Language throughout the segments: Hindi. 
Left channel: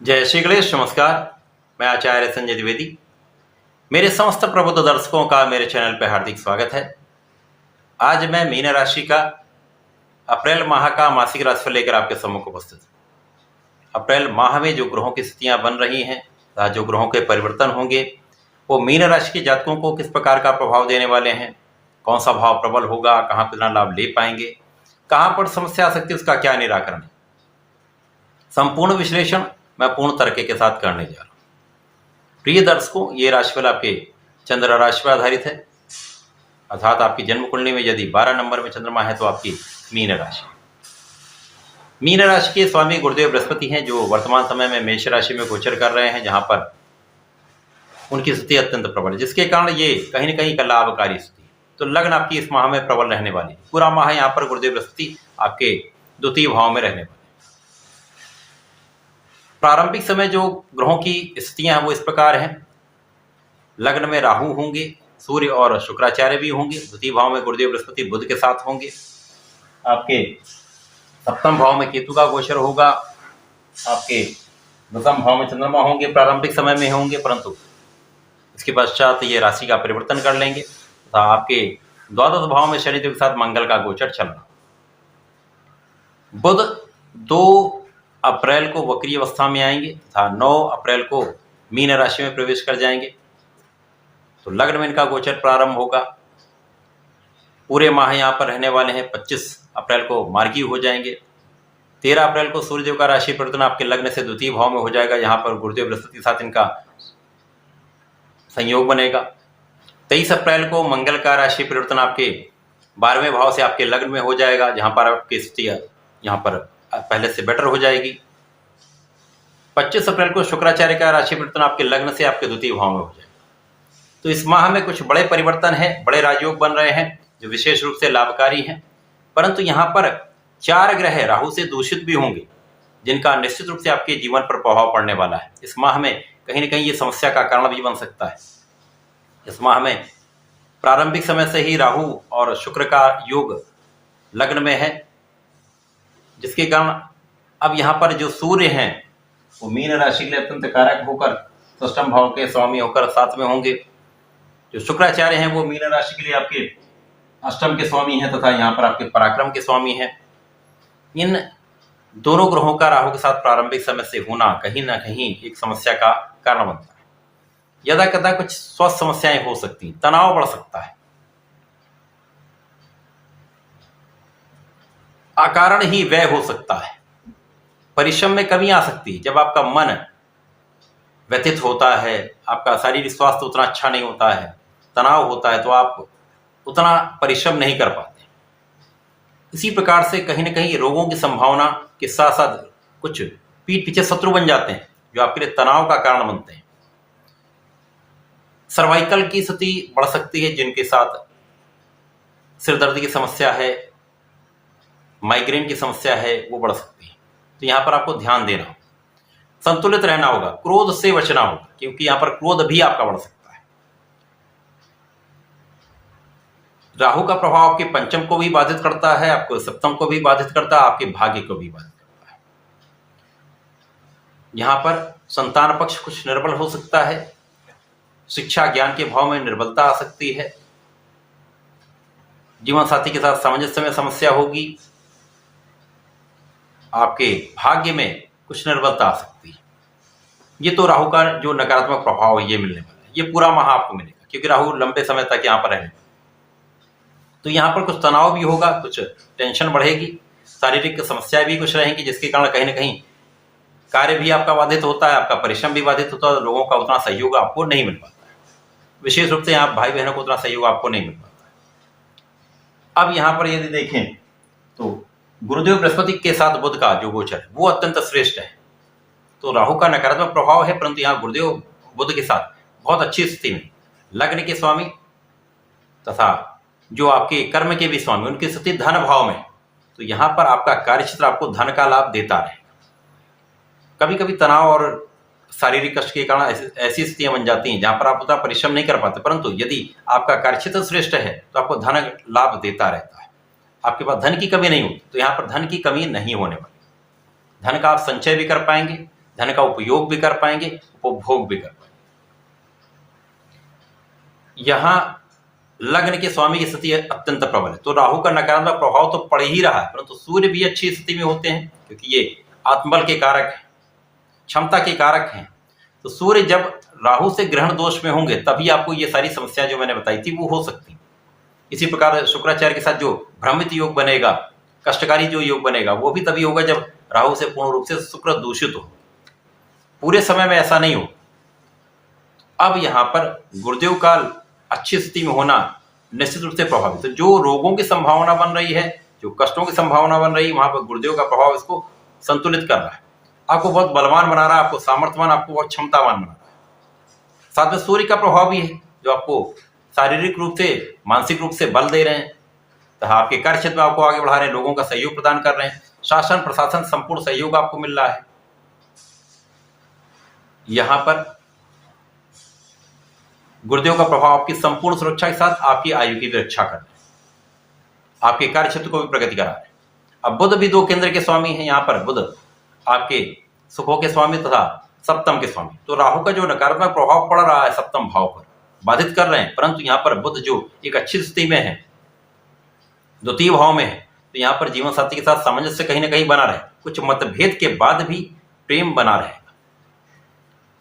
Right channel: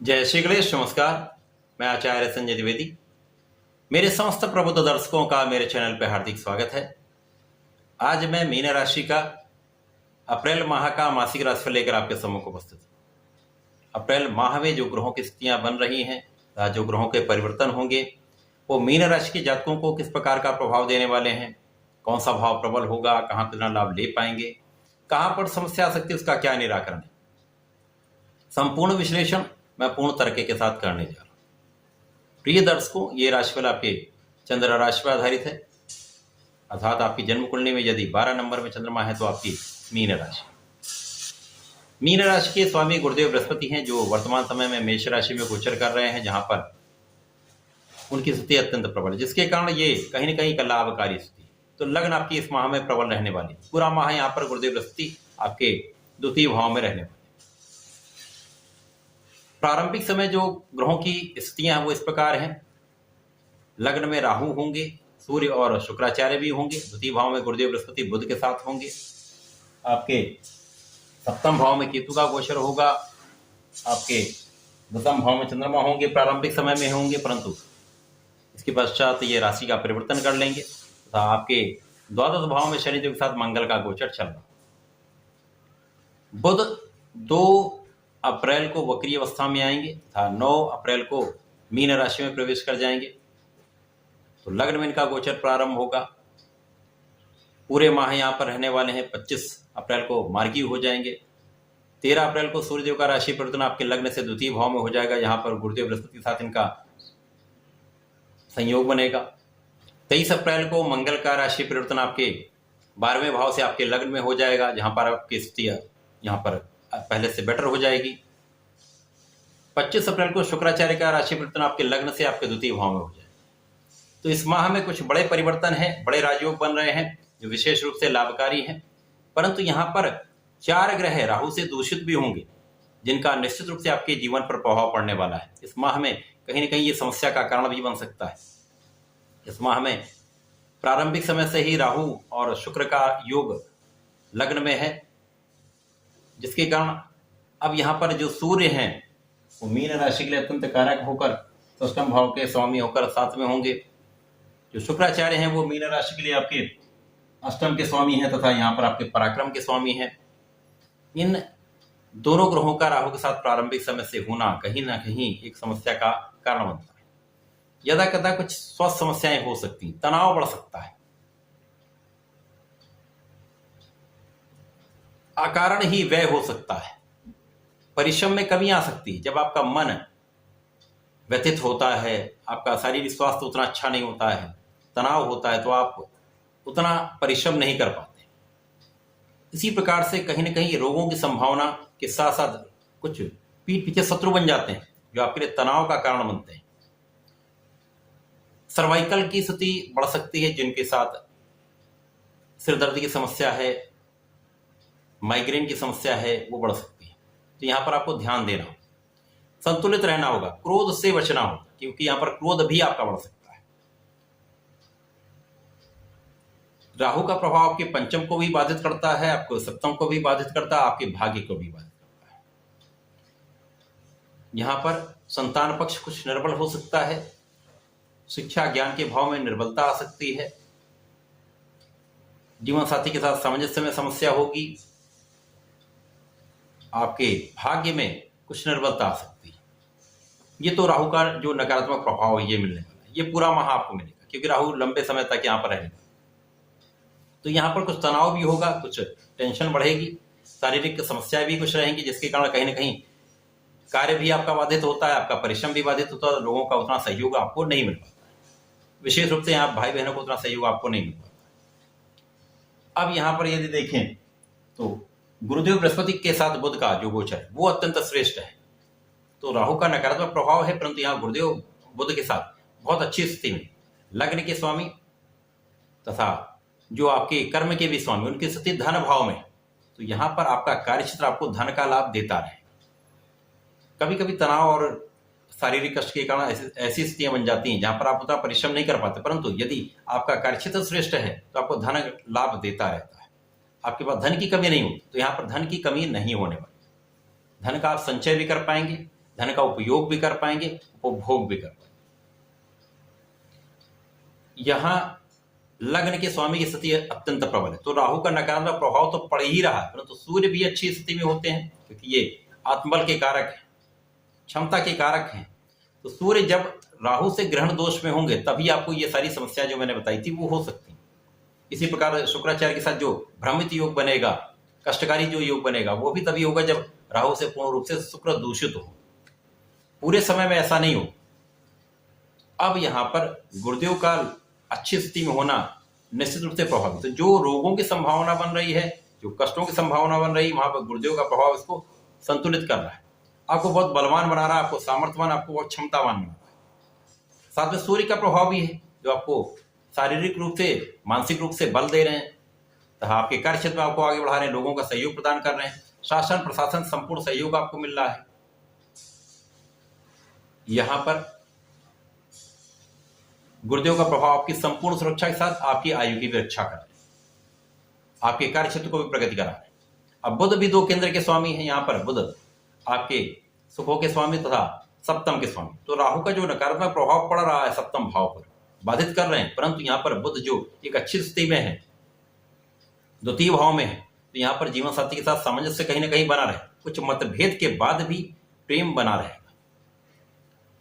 जय श्री गणेश। नमस्कार, मैं आचार्य संजय द्विवेदी। मेरे समस्त प्रबुद्ध दर्शकों का मेरे चैनल पर हार्दिक स्वागत है। आज मैं मीन राशि का अप्रैल माह का मासिक राशिफल लेकर आपके सम्मुख उपस्थित हूं। अप्रैल माह में जो ग्रहों की स्थितियां बन रही हैं तथा जो ग्रहों के परिवर्तन होंगे वो मीन राशि के जातकों को किस प्रकार का प्रभाव देने वाले हैं, कौन सा भाव प्रबल होगा, कहाँ कितना लाभ ले पाएंगे, कहाँ पर समस्या आ सकती है, उसका क्या निराकरण है। संपूर्ण विश्लेषण मैं पूर्ण तर्क के साथ करने जा रहा हूं। प्रिय दर्शकों, ये राशिफल आपके चंद्र राशि पर आधारित है, अर्थात आपकी जन्म कुंडली में यदि 12 नंबर में चंद्रमा है तो आपकी मीन राशि। मीन राशि के स्वामी गुरुदेव बृहस्पति हैं, जो वर्तमान समय में मेष राशि में गोचर कर रहे हैं, जहां पर उनकी स्थिति अत्यंत प्रबल है, जिसके कारण ये कहीं ना कहीं का लाभकारी स्थिति है। तो लग्न आपकी इस माह में प्रबल रहने वाली है। पूरा माह यहाँ पर गुरुदेव बृहस्पति आपके द्वितीय भाव में रहने वाले। प्रारंभिक समय जो ग्रहों की स्थितियां हैं वो इस प्रकार हैं। लग्न में राहु होंगे, सूर्य और शुक्राचार्य भी होंगे। द्वितीय भाव में गुरुदेव बृहस्पति बुध के साथ होंगे। आपके सप्तम भाव में केतु का गोचर होगा। आपके दसम भाव में चंद्रमा होंगे, प्रारंभिक समय में होंगे, परंतु इसके पश्चात ये राशि का परिवर्तन कर लेंगे तथा आपके द्वादश भाव में शनिदेव के साथ मंगल का गोचर चल रहा। बुध 2 अप्रैल को वक्री अवस्था में आएंगे तथा 9 अप्रैल को मीन राशि में प्रवेश कर जाएंगे। तो लग्न में इनका गोचर प्रारंभ होगा। पूरे माह यहाँ पर रहने वाले हैं। 25 अप्रैल को मार्गी हो जाएंगे। 13 अप्रैल को सूर्यदेव का राशि परिवर्तन आपके लग्न से द्वितीय भाव में हो जाएगा। यहाँ पर गुरुदेव बृहस्पति के साथ इनका संयोग बनेगा। 23 अप्रैल को मंगल का राशि परिवर्तन आपके 12वें भाव से आपके लग्न में हो जाएगा, जहाँ पर आपकी स्थिति यहाँ पर पहले से बेटर हो जाएगी। 25 अप्रैल को शुक्राचार्य का राशि परिवर्तन आपके लग्न से आपके द्वितीय भाव में हो जाएगा। तो इस माह में कुछ बड़े परिवर्तन हैं, बड़े राजयोग बन रहे हैं जो विशेष रूप से लाभकारी हैं। परंतु यहाँ पर 4 ग्रह राहु से दूषित भी होंगे, जिनका निश्चित रूप से आपके जीवन पर प्रभाव पड़ने वाला है। इस माह में कहीं ना कहीं ये समस्या का कारण भी बन सकता है। इस माह में प्रारंभिक समय से ही राहु और शुक्र का योग लग्न में है, जिसके कारण अब यहाँ पर जो सूर्य हैं वो मीन राशि के लिए अत्यंत कारक होकर षष्ठम भाव के स्वामी होकर साथ में होंगे। जो शुक्राचार्य हैं वो मीन राशि के लिए आपके अष्टम के स्वामी हैं तथा यहाँ पर आपके पराक्रम के स्वामी हैं। इन दोनों ग्रहों का राहु के साथ प्रारंभिक समय से होना कहीं ना कहीं एक समस्या का कारण बनता है। यदा कदा कुछ स्वास्थ्य समस्याएं हो सकती, तनाव बढ़ सकता है, अकारण ही व्यय हो सकता है, परिश्रम में कमी आ सकती है। जब आपका मन व्यथित होता है, आपका शारीरिक स्वास्थ्य उतना अच्छा नहीं होता है, तनाव होता है, तो आप उतना परिश्रम नहीं कर पाते। इसी प्रकार से कहीं ना कहीं रोगों की संभावना के साथ साथ कुछ पीठ पीछे शत्रु बन जाते हैं जो आपके लिए तनाव का कारण बनते हैं। सर्वाइकल की स्थिति बढ़ सकती है, जिनके साथ सिर दर्द की समस्या है, माइग्रेन की समस्या है, वो बढ़ सकती है। तो यहाँ पर आपको ध्यान देना होगा, संतुलित रहना होगा, क्रोध से बचना होगा, क्योंकि यहाँ पर क्रोध भी आपका बढ़ सकता है। राहु का प्रभाव आपके पंचम को भी बाधित करता है, आपको सप्तम को भी बाधित करता है, आपके भाग्य को भी बाधित करता है। यहाँ पर संतान पक्ष कुछ निर्बल हो सकता है, शिक्षा ज्ञान के भाव में निर्बलता आ सकती है, जीवन साथी के साथ सामंजस्य में समस्या होगी, आपके भाग्य में कुछ निर्बलता आ सकती है। ये तो राहु का जो नकारात्मक प्रभाव है ये मिलने वाला है। ये पूरा माह आपको मिलेगा, क्योंकि राहु लंबे समय तक यहाँ पर रहने वाला। तो यहाँ पर कुछ तनाव भी होगा, कुछ टेंशन बढ़ेगी, शारीरिक समस्याएं भी कुछ रहेंगी, जिसके कारण कहीं ना कहीं कार्य भी आपका बाधित होता है, आपका परिश्रम भी बाधित होता है, लोगों का उतना सहयोग आपको नहीं मिल पाता है। विशेष रूप से यहाँ भाई बहनों को उतना सहयोग आपको नहीं मिल पाता है। अब यहाँ पर यदि देखें तो गुरुदेव बृहस्पति के साथ बुध का जो गोचर है वो अत्यंत श्रेष्ठ है। तो राहु का नकारात्मक प्रभाव है, परंतु यहाँ गुरुदेव बुध के साथ बहुत अच्छी स्थिति में लग्न के स्वामी तथा जो आपके कर्म के भी स्वामी, उनकी स्थिति धन भाव में। तो यहाँ पर आपका कार्यक्षेत्र आपको धन का लाभ देता रहेगा। कभी कभी तनाव और शारीरिक कष्ट के कारण ऐसी स्थितियां बन जाती हैं जहां पर आप उतना परिश्रम नहीं कर पाते, परंतु यदि आपका कार्यक्षेत्र श्रेष्ठ है तो आपको धन लाभ देता रहता है, आपके पास धन की कमी नहीं होती। तो यहाँ पर धन की कमी नहीं होने वाली, धन का आप संचय भी कर पाएंगे, धन का उपयोग भी कर पाएंगे, उपभोग भी कर पाएंगे। यहां लग्न के स्वामी की स्थिति अत्यंत प्रबल है, तो राहु का नकारात्मक प्रभाव तो पड़ ही रहा है, परंतु सूर्य भी अच्छी स्थिति में होते हैं क्योंकि ये आत्मबल के कारक हैं, क्षमता के कारक हैं। तो सूर्य जब राहु से ग्रहण दोष में होंगे तभी आपको ये सारी समस्याएं जो मैंने बताई थी वो हो सकती। इसी प्रकार शुक्राचार्य के साथ जो भ्रमित योग बनेगा, कष्टकारी जो योग बनेगा, वो भी तभी होगा जब राहु से पूर्ण रूप से शुक्र दूषित हो। पूरे समय में ऐसा नहीं हो। अब यहां पर गुरुदेव काल अच्छी स्थिति में होना निश्चित रूप से प्रभावित, तो जो रोगों की संभावना बन रही है, जो कष्टों की संभावना बन रही है, वहां पर गुरुदेव का प्रभाव इसको संतुलित कर रहा है, आपको बहुत बलवान बना रहा है, आपको सामर्थ्यवान, आपको बहुत क्षमतावान बना रहा है। साथ में सूर्य का प्रभाव भी है जो आपको शारीरिक रूप से, मानसिक रूप से बल दे रहे हैं, तो आपके कार्य क्षेत्र में आपको आगे बढ़ा रहे हैं, लोगों का सहयोग प्रदान कर रहे हैं, शासन प्रशासन संपूर्ण सहयोग आपको मिल रहा है। यहां पर गुरुदेव का प्रभाव आपकी संपूर्ण सुरक्षा के साथ आपकी आयु की भी रक्षा कर रहे हैं, आपके कार्य क्षेत्र को भी प्रगति करा रहे हैं। अब बुध भी 2 केंद्र के स्वामी हैं, यहाँ पर बुध आपके सुखों के स्वामी तथा सप्तम के स्वामी, तो राहु का जो नकारात्मक प्रभाव पड़ रहा है सप्तम भाव पर बाधित कर रहे हैं, परंतु यहाँ पर बुध जो एक अच्छी स्थिति में है, द्वितीय भाव में है, तो यहाँ पर जीवन साथी के साथ सामंजस्य कहीं ना कहीं बना रहे, कुछ मतभेद के बाद भी प्रेम बना रहेगा।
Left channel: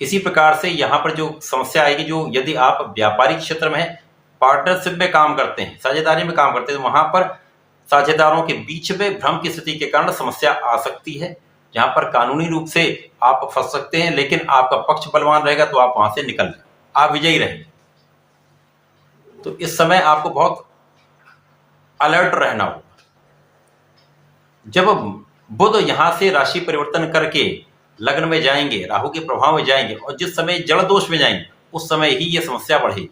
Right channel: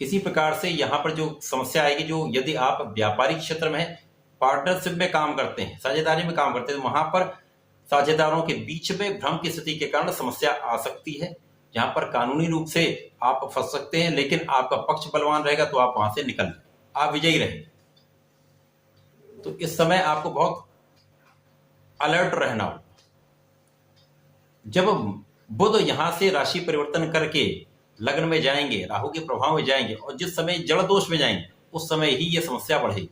इसी प्रकार से यहाँ पर जो समस्या आएगी, जो यदि आप व्यापारिक क्षेत्र में है, पार्टनरशिप में काम करते हैं, साझेदारी में काम करते हैं, तो वहां पर साझेदारों के बीच में भ्रम की स्थिति के कारण समस्या आ सकती है, जहां पर कानूनी रूप से आप फंस सकते हैं, लेकिन आपका पक्ष बलवान रहेगा तो आप वहां से निकल जाएंगे, आप विजयी रहेंगे। तो इस समय आपको बहुत अलर्ट रहना होगा। जब बुध यहां से राशि परिवर्तन करके लग्न में जाएंगे, राहु के प्रभाव में जाएंगे, और जिस समय जड़ दोष में जाएंगे उस समय ही ये समस्या बढ़ेगी,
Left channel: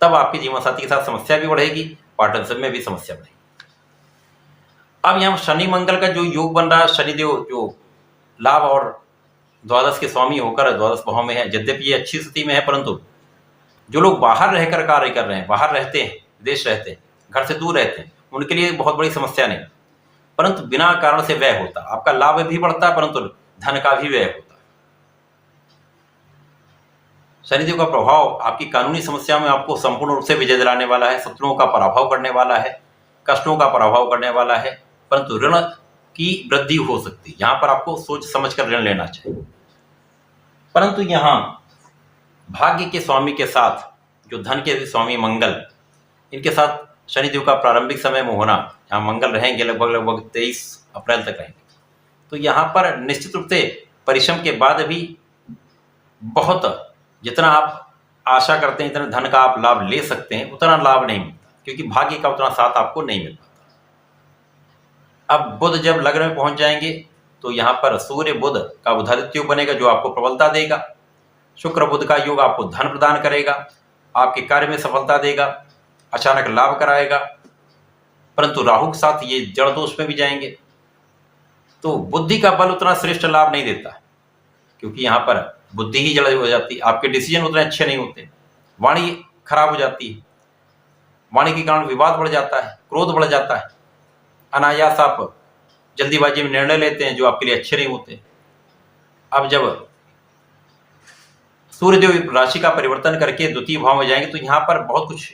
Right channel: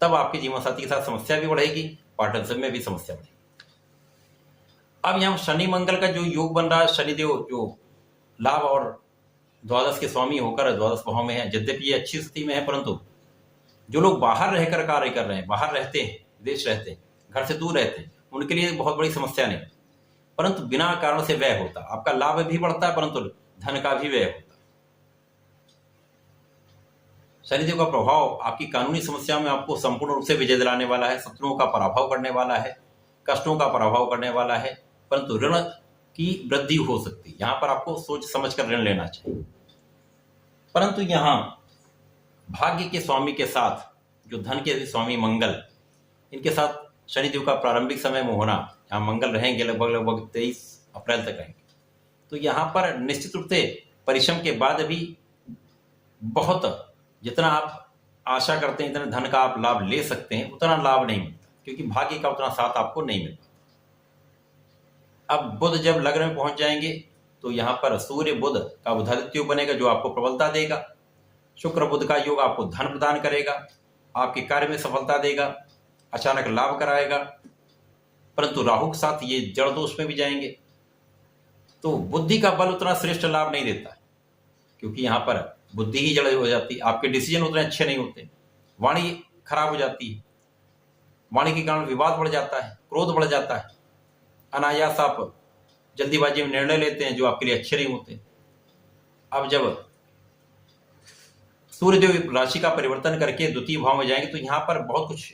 तब आपके जीवन साथी के साथ समस्या भी बढ़ेगी, पार्टनरशिप में भी समस्या बढ़ेगी। अब यहां शनि मंगल का जो योग बन रहा है, शनिदेव जो लाभ और द्वादश के स्वामी होकर द्वादश भाव में है, यद्यपि ये अच्छी स्थिति में है, परंतु जो लोग बाहर रहकर कार्य कर रहे हैं, बाहर रहते हैं, विदेश रहते हैं, घर से दूर रहते हैं, उनके लिए बहुत बड़ी समस्या नहीं, परंतु बिना कारण से व्यय होता, आपका लाभ भी बढ़ता है परंतु धन का भी व्यय होता है। शनिदेव का प्रभाव आपकी कानूनी समस्याओं में आपको संपूर्ण रूप से विजय दिलाने वाला है, शत्रुओं का पराभव करने वाला है, कष्टों का पराभव करने वाला है, परंतु ऋण की वृद्धि हो सकती है, यहां पर आपको सोच समझ कर ऋण लेना चाहिए। परंतु यहां भाग्य के स्वामी के साथ जो धन के स्वामी मंगल, इनके साथ शनिदेव का प्रारंभिक समय में होना, यहाँ मंगल रहेंगे लगभग 23 अप्रैल तक रहेंगे, तो यहाँ पर निश्चित रूप से परिश्रम के बाद भी बहुत, जितना आप आशा करते हैं इतना धन का आप लाभ ले सकते हैं, उतना लाभ नहीं मिलता, क्योंकि भाग्य का उतना साथ आपको नहीं मिल पाता। अब बुध जब लग्न में पहुंच जाएंगे तो यहाँ पर सूर्य बुध का बुधादित्य योग बनेगा जो आपको प्रबलता देगा, शुक्र बुध का योग आपको धन प्रदान करेगा, आपके कार्य में सफलता देगा, अचानक लाभ कराएगा, परंतु राहु के साथ ये जड़ दोष में भी जाएंगे तो बुद्धि का बल उतना श्रेष्ठ लाभ नहीं देता, क्योंकि यहाँ पर बुद्धि ही जड़ हो जाती है, आपके डिसीजन उतने अच्छे नहीं होते, वाणी खराब हो जाती है, वाणी के कारण विवाद बढ़ जाता है, क्रोध बढ़ जाता है, अनायास आप जल्दीबाजी में निर्णय लेते हैं जो आपके लिए अच्छे नहीं होते। अब जब सूर्यदेव राशि का परिवर्तन करके द्वितीय भाव में जाएंगे तो यहाँ पर बहुत कुछ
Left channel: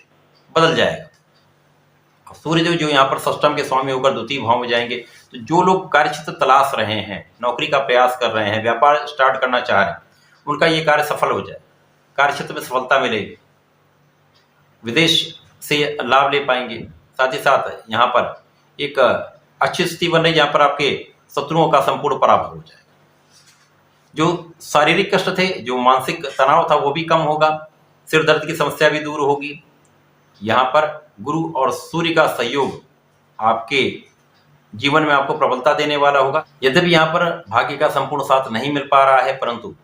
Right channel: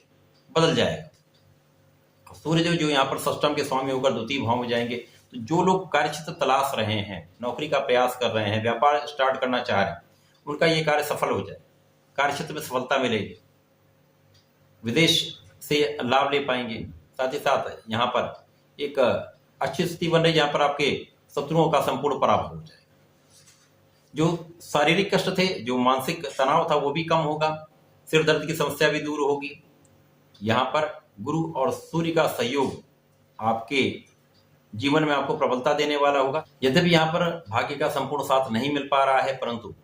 बदल जाएगा। सूर्यदेव जो यहाँ पर षष्टम के स्वामी होकर द्वितीय भाव में जाएंगे, तो जो लोग कार्यक्षेत्र तलाश रहे हैं, नौकरी का प्रयास कर रहे हैं, व्यापार स्टार्ट करना चाह रहे हैं, उनका ये कार्य सफल हो जाए, कार्यक्षेत्र में सफलता मिलेगी, विदेश से लाभ ले पाएंगे। साथ ही साथ यहाँ पर एक अच्छी स्थिति बन रही है जहाँ पर आपके शत्रुओं का संपूर्ण पराभव हो जाए, जो शारीरिक कष्ट थे, जो मानसिक तनाव था वो भी कम होगा, सिर दर्द की समस्या भी दूर होगी। यहाँ पर गुरु और सूर्य का सहयोग आपके जीवन में आपको प्रबलता देने वाला होगा। यद्यपि यहाँ पर भाग्य का संपूर्ण साथ नहीं मिल पा रहा है, परंतु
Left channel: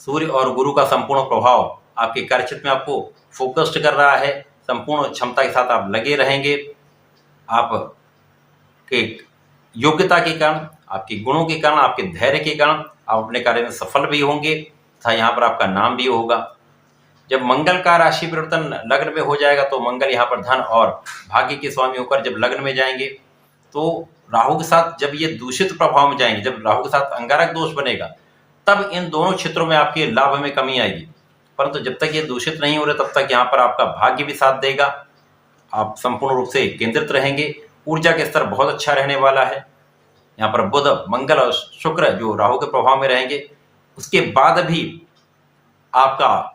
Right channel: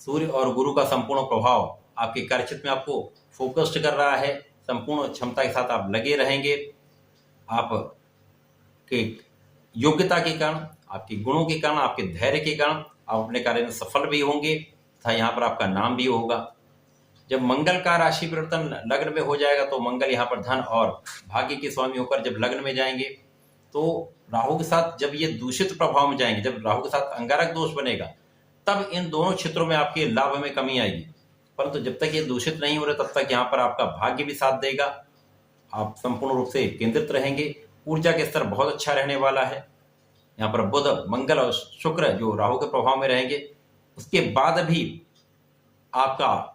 सूर्य और गुरु का संपूर्ण प्रभाव आपके कार्यक्षेत्र में आपको फोकस्ड कर रहा है, संपूर्ण क्षमता के साथ आप लगे रहेंगे, आपके योग्यता के कारण, आपके गुणों के कारण, आपके धैर्य के कारण आप अपने कार्य में सफल भी होंगे तथा यहाँ पर आपका नाम भी होगा। जब मंगल का राशि परिवर्तन लग्न में हो जाएगा तो मंगल यहाँ पर धन और भाग्य के स्वामी होकर जब लग्न में जाएंगे तो राहु के साथ जब ये दूषित प्रभाव में जाएंगे, जब राहु के साथ अंगारक दोष बनेगा तब इन दोनों क्षेत्रों में आपके लाभ में कमी आएगी। परंतु जब तक ये दूषित नहीं हो रहे तब तक यहाँ पर आपका भाग्य भी साथ देगा, आप संपूर्ण रूप से केंद्रित रहेंगे, ऊर्जा के स्तर बहुत अच्छा रहने वाला है। यहाँ पर बुध, मंगल और शुक्र जो राहु के प्रभाव में रहेंगे, उसके बाद भी आपका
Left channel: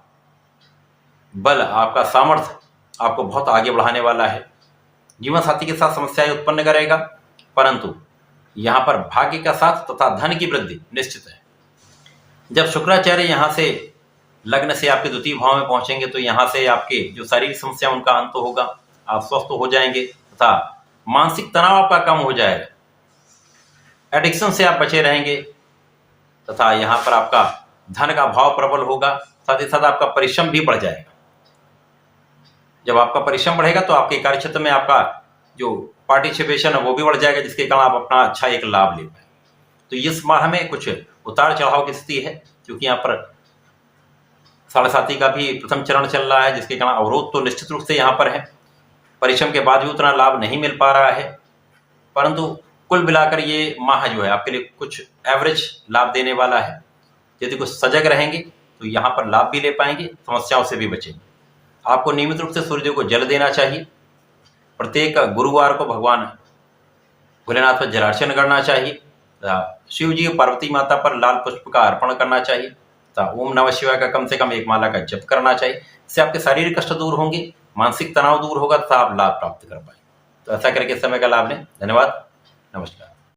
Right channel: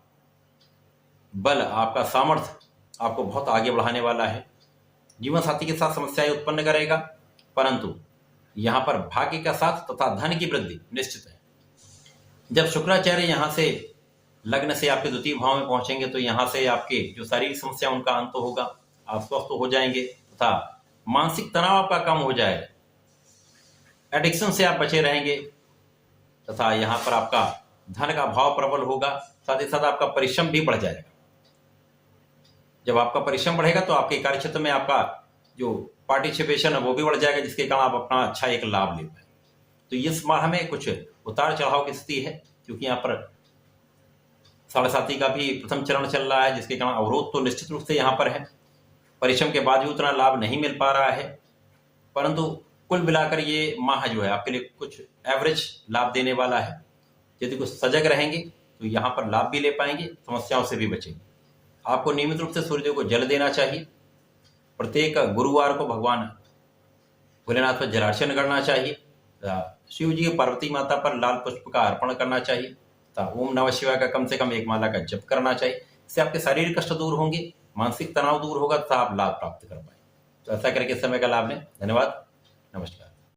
बल, आपका सामर्थ्य आपको बहुत आगे बढ़ाने वाला है। जीवन साथी के साथ समस्याएं उत्पन्न करेगा, परंतु यहाँ पर भाग्य का साथ तथा धन की वृद्धि निश्चित है। जब शुक्राचार्य यहाँ से लग्न से आपके द्वितीय भाव में पहुंचेंगे तो यहाँ से आपके जो शारीरिक समस्या उनका अंत होगा, आप स्वस्थ हो जाएंगे तथा मानसिक तनाव आपका कम हो जाएगा, एडिक्शन से आप बचे रहेंगे तथा यहाँ पर आपका धन का भाव प्रबल होगा, साथ ही साथ आपका परिश्रम भी बढ़ जाएगा। जब आपका परिश्रम बढ़ेगा तो आपके कार्यक्षेत्र में आपका जो पार्टिसिपेशन है वो भी बढ़ जाएगा, जिसके कारण आप अपना अच्छा एक लाभ ले पाए। तो इस माह में कुछ उतार चढ़ाव की स्थिति है, क्योंकि यहाँ पर 7.5 का भी प्रथम चरण चल रहा है, जिसके कारण अवरोध तो निश्चित रूप से यहाँ पर है। परिश्रम के बाद भी उतना लाभ नहीं मिल पा रहा है, परंतु कुल मिलाकर ये माह जो है आपके लिए कुछ एवरेज लाभ देने वाला है। यदि कुछ सजग रहेंगे तो यहाँ पर लाभ भी ले पाएंगे, समस्याओं से भी बचेंगे। आपको नियमित रूप से सूर्यदेव को जल देना चाहिए। प्रत्येक गुरुवार को भगवान भोलेनाथ पर जलार्चन करना चाहिए। शिव जी पार्वती माता पर लाल पुष्प का अर्पण करना चाहिए। ओम नमः शिवाय का कम से कम एक माला का जप करना चाहिए। इससे आपके शारीरिक कष्ट दूर होंगे, मानसिक तनाव दूर होगा तथा आप लाभ प्राप्त कर पाएंगे। तो ऐसा करके समय का लाभ लें। धन्यवाद, नमस्कार।